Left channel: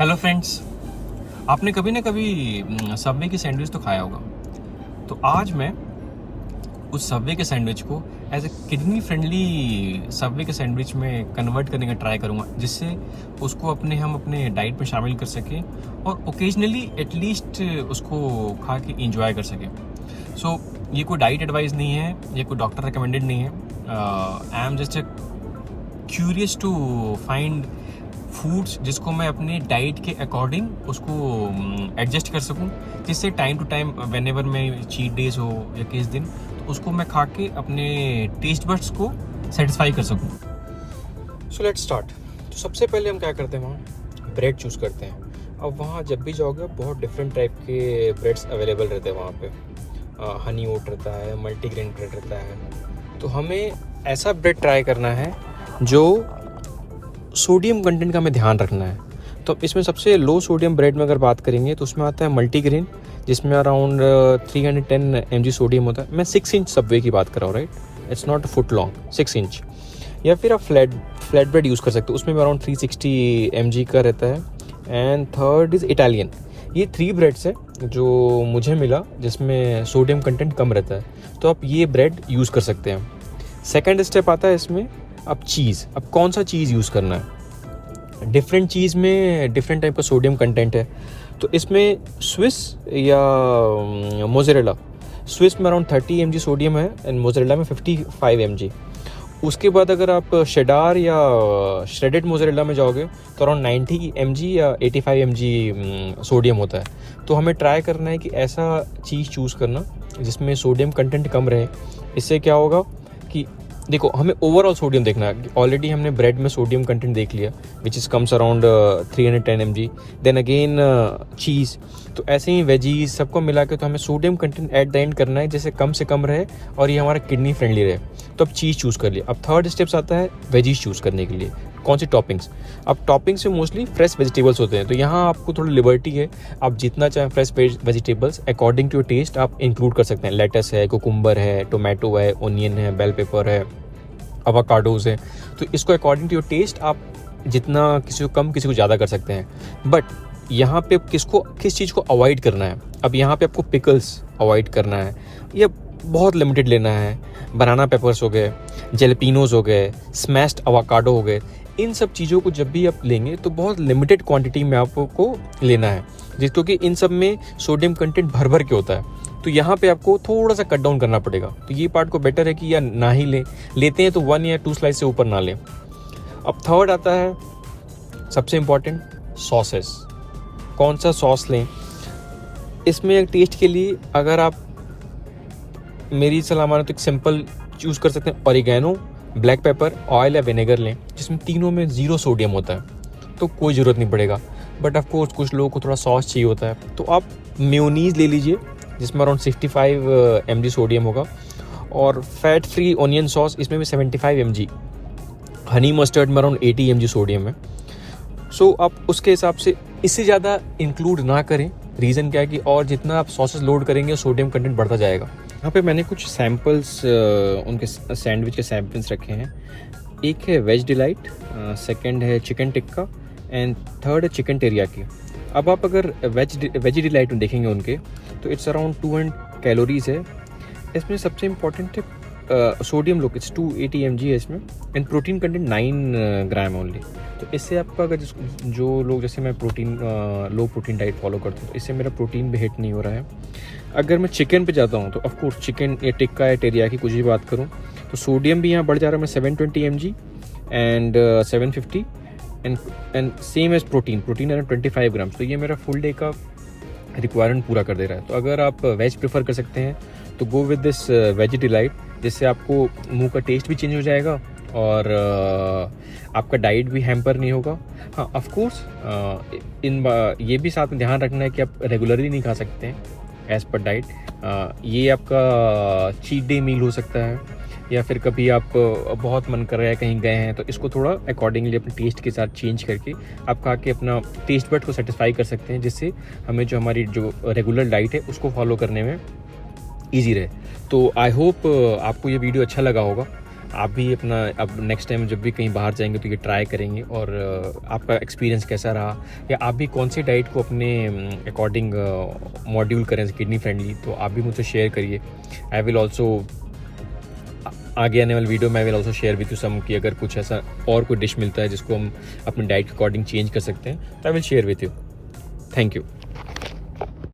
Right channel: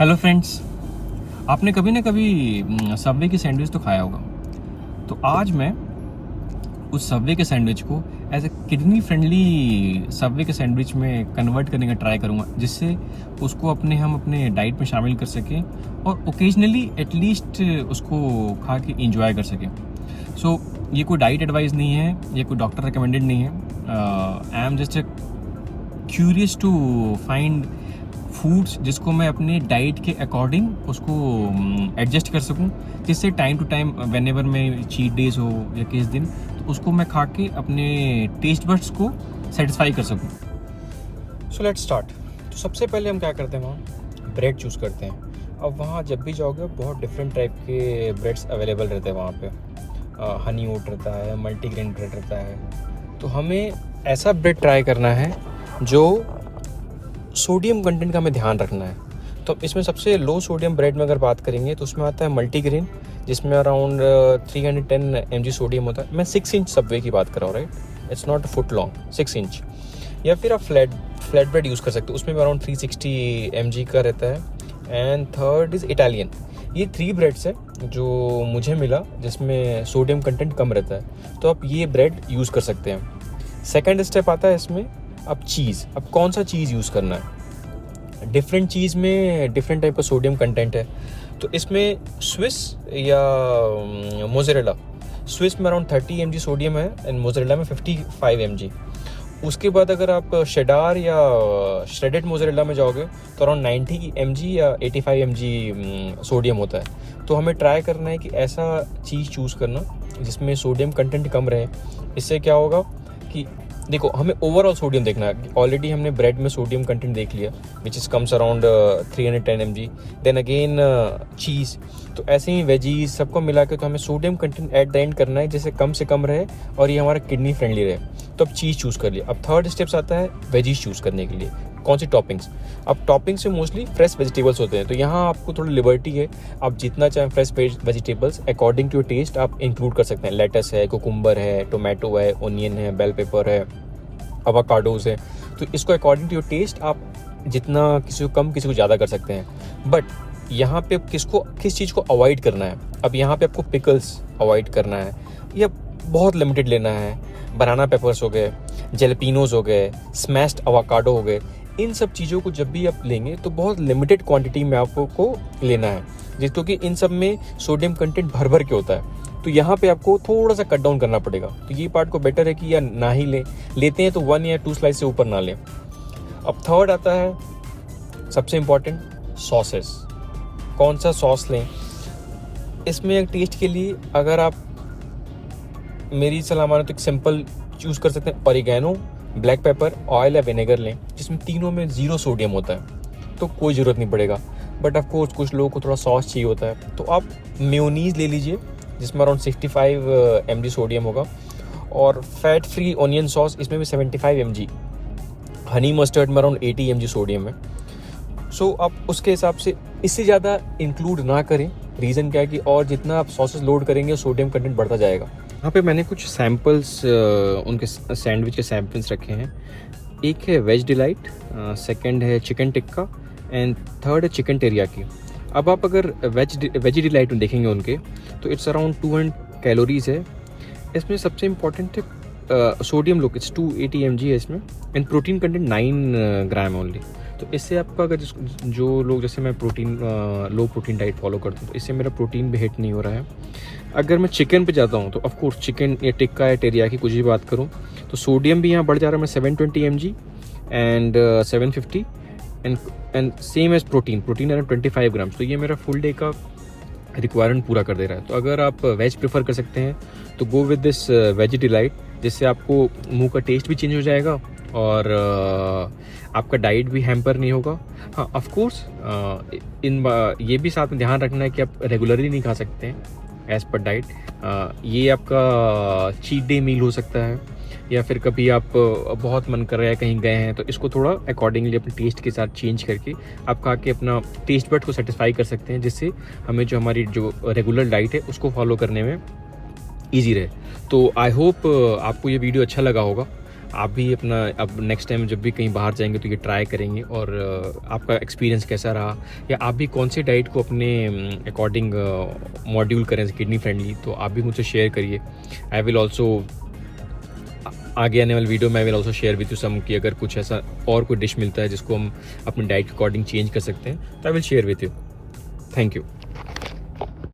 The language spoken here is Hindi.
हेलो फ्रेंड्स, आपने कभी ना कभी सबवे की सैंडविच तो खाया होगा। तो आज मैं उस सबवे के सैंडविच को as a kidney friendly Subway के सैंडविच में कन्वर्ट करने का ट्राई करूंगा, जिससे उसको हम अपने डाइट में शामिल कर सकें और ओकेजनली एटलीस्ट उसको खा के इंजॉय कर सकें। सो ये कोई डाइट एडवाइस नहीं है, ये कोई डॉक्टर रिकमेंडेड नहीं है। I am just curious to find foods जिसको मैं अपने डाइट के अकॉर्डिंग उसको एडजस्ट कर सकूं, जिससे time to time whenever मैं चीट डेज हो या किस दिन तो उसको मैं खा के अपने टेस्ट बड्स को सेटिस्फाई कर सकूं। So let's start. तो सबसे पहले हम क्या करते हैं, वहाँ ब्रेड चूज़ करते हैं। अब वहाँ जब भी जाओगे बहुत डिफरेंट टाइप के ब्रेड्स अवेलेबल रहते हैं वहाँ पे। हनी ओट रहता है, मल्टीग्रेन ब्रेड रहता है। तो हमें ऐसा ब्रेड ट्राई करना है जो सोडियम कंटेंट का हमें ध्यान रखना है। तो इसमें सबसे लो सोडियम ब्रेड में अगर बात करेंगे तो उसमें आता है मल्टीग्रेन, जिसमें अराउंड 310 mg सोडियम होता है। मैं 6 इंच सबवे की बात कर रहा हूँ, right? It's not foot long, 6 inch. या फिर आप फ्लैट ब्रेड यूज़ कर सकते हो, उसमें भी अराउंड 360 mg का रहता है। And third is Italian. ये 3 ब्रेड्स है जो मुझे मिला जिसमें सोडियम कंटेंट कम रहता है, तो आप ये ब्रेड यूज़ कर सकते हैं। सेकेंड स्टेप आता है इसमें अब चीज़। अब कौन सा चीज़ यूज़ करना है? डिफरेंट चीज़ में डिफरेंट टाइप का सोडियम कंटेंट है। तो इसमें स्विस या मोज़रेला, स्विस में अराउंड 30 mg सोडियम है एंड मोज़रेला में 55 mg। उसके बाद अगर आप शेडार या श्रेडेड मोज़रेला में जाओगे तो अराउंड 90 mg या 85 mg सोडियम होता है। तो हमें ट्राई करना है कि ऐसा चीज़ चूज़ करना जिसमें सोडियम कंटेंट कम रहे। इससे क्या होगा कि देखो, हमें ओवरऑल सोडियम देखना है। ऑलरेडी हमने ब्रेड में सोडियम कंटेंट देख लिया which is comes around 310 mg। Then again cheese. तो ऐसे ही वेजीज सबको मिला के तो हमें sodium content at the end करना है जैसे कम से कम रहे और ये हमारा किडनी फ्रेंडली रहे। तो अब चीज़ चूज़ कर लिया। अब थर्ड स्टेप्स आता है वेजीज चूज़ करने के लिए। कौन सी टॉपिंग्स? अब टॉपिंग्स में मोस्टली फ्रेश वेजिटेबल्स होते हैं, तो यहाँ आपको थोड़ी लिबर्टी है। आप जितना चाहें fresh vegetables according to taste आप इंक्लूड कर सकते हैं। लेटस है, कुकुम्बर है, टोमेटो है, ओनियन है, बेल पेपर है, अवाकाडोज है। तो इसको अकॉर्डिंग टू योर टेस्ट आप जितना किसी को कम किसी को ज़्यादा कर सकते हैं। बट यहाँ पे किस चीज़ को अवॉइड करना है? अब यहाँ पे आपको पिकल्स अवॉइड करना है या बहुत लिमिटेड लेना है। बनाना पेपर्स हो गए, जेलेपिनोज हो गए, स्मैश्ड अवाकाडो हो गए। इन सब चीज़ों को जब भी आप लेंगे तो बहुत लिमिटेड क्वांटिटी में आपको लेना है, जिसको कि इन सब में सोडियम कंटेंट भर भर के होता है। तो यहाँ पे आपको थोड़ा सा कट डाउन करना पड़ेगा। तो ये पार्ट को बेटर है कि या ना ही लेते हैं तो 1 या 2 स्लाइस से ऊपर ना लें। अब थर्ड आता है सबसे इम्पॉर्टेंट, सॉसेस। कौन सा सॉस लें? इसमें टेस्ट के लिए अगर आप मेरी सलाह मानो तो एक सिंपल चूज़ कर सकते हैं। ऑरिगेनो, ब्लैक पेपर, ऑयल या विनेगर लें जिसमें तीनों में 0 सोडियम होता है, तो कोई ज़रूरत नहीं पड़ेगा। बट ऑफकोर्स कुछ लोगों को थोड़ा सॉस चाहिए होता है, तो आप मेयोनीज ले लीजिए जिसमें अराउंड 65 mg सोडियम होगा। और फैट फ्री ऑनियन सॉस, इसमें भी 75 mg। हनी मस्टर्ड में अराउंड 80 mg सोडियम है। सो आप उसके हिसाब से इससे ज़्यादा इंक्लूड ना करें। रीज़न क्या है कि और जितना आप सॉसेस लोड करेंगे सोडियम कंटेंट बढ़ता जाएगा। यहाँ पे मैंने कुछ सैम्पल्स उनके सैंडविच के सैम्पल्स रखे हैं। एक है वेज डिलाइट, सेकंड है चिकन टिक्का एंड थर्ड है चिकन टेरियाकी। अब आप अगर वेज डिलाइट में देखेंगे उनके तो इट्स अराउंड 200 कैलोरीज़ है। इसमें सबसे इम्पॉर्टेंट है सोडियम लोग, इट्स 280 mg है इसमें and protein content 9 gram only. तो इससे आपका अगर जो लोग, जैसे मैं लो प्रोटीन डाइट फॉलो करता हूँ, तो इससे मेरा प्रोटीन भी हिट नहीं हो रहा है। अगर मैं चिकन पे जाता हूँ तो ऑफकोर्स चिकन या टिक्का या टेरियाकी कुछ भी बात करूँ तो सोडियम भी यहाँ बढ़ जा रहा है। मैं 720 mg and 750 and same as protein around 25 gram. तो ये मेरा फुल डे का रिक्वायरमेंट पूरा कर दे रहा है। तो अगर आप वेज प्रेफर कर सकते हैं तो go with this veg delight, जिससे आपको मुंह का टेस्ट भी चेंज हो जाएगा और आपका डाइट भी हैम्पर नहीं होगा। हाँ, ऑफकोर्स ये भी साथ में ध्यान रखना है कि आप रेगुलरली नहीं खा सकते हैं एज पर डाइट। ये आपका चीट डे मील हो सकता है, या फिर कभी आप बहुत मन कर रहा है कहीं गए हैं तो इसको थोड़ा अकॉर्डिंगली अपने टेस्ट के साथ चेंज करके आप खा के अपना टेस्ट बड को सेटिस्फाई कर सकते हैं, जिससे हमें जो हमारी जो रेगुलर डाइट है उसको फॉलो करने में ईजी रहे। तो आई होप आपको ये वीडियो अच्छा लगा होगा। आप भी अपना अब नेक्स्ट टाइम जब भी कहीं बाहर जाएंगे तो ये ट्राई करेंगे, और आपका एक्सपीरियंस कैसा रहा, या आप भी कौन सी डाइट को अपने अकॉर्डिंग मॉड्यूल करें किडनी फ्रेंडली, तो आप भी मुझसे शेयर करिए। आई विल ऑल्सो आगे आने वाले वीडियो में I will also share with you some कि अगर कुछ ऐसा और कोई डिश मिलता है जिसको हम अपने डाइट के अकॉर्डिंग चेंज कर सकते हैं तो I will share with you. Thank you.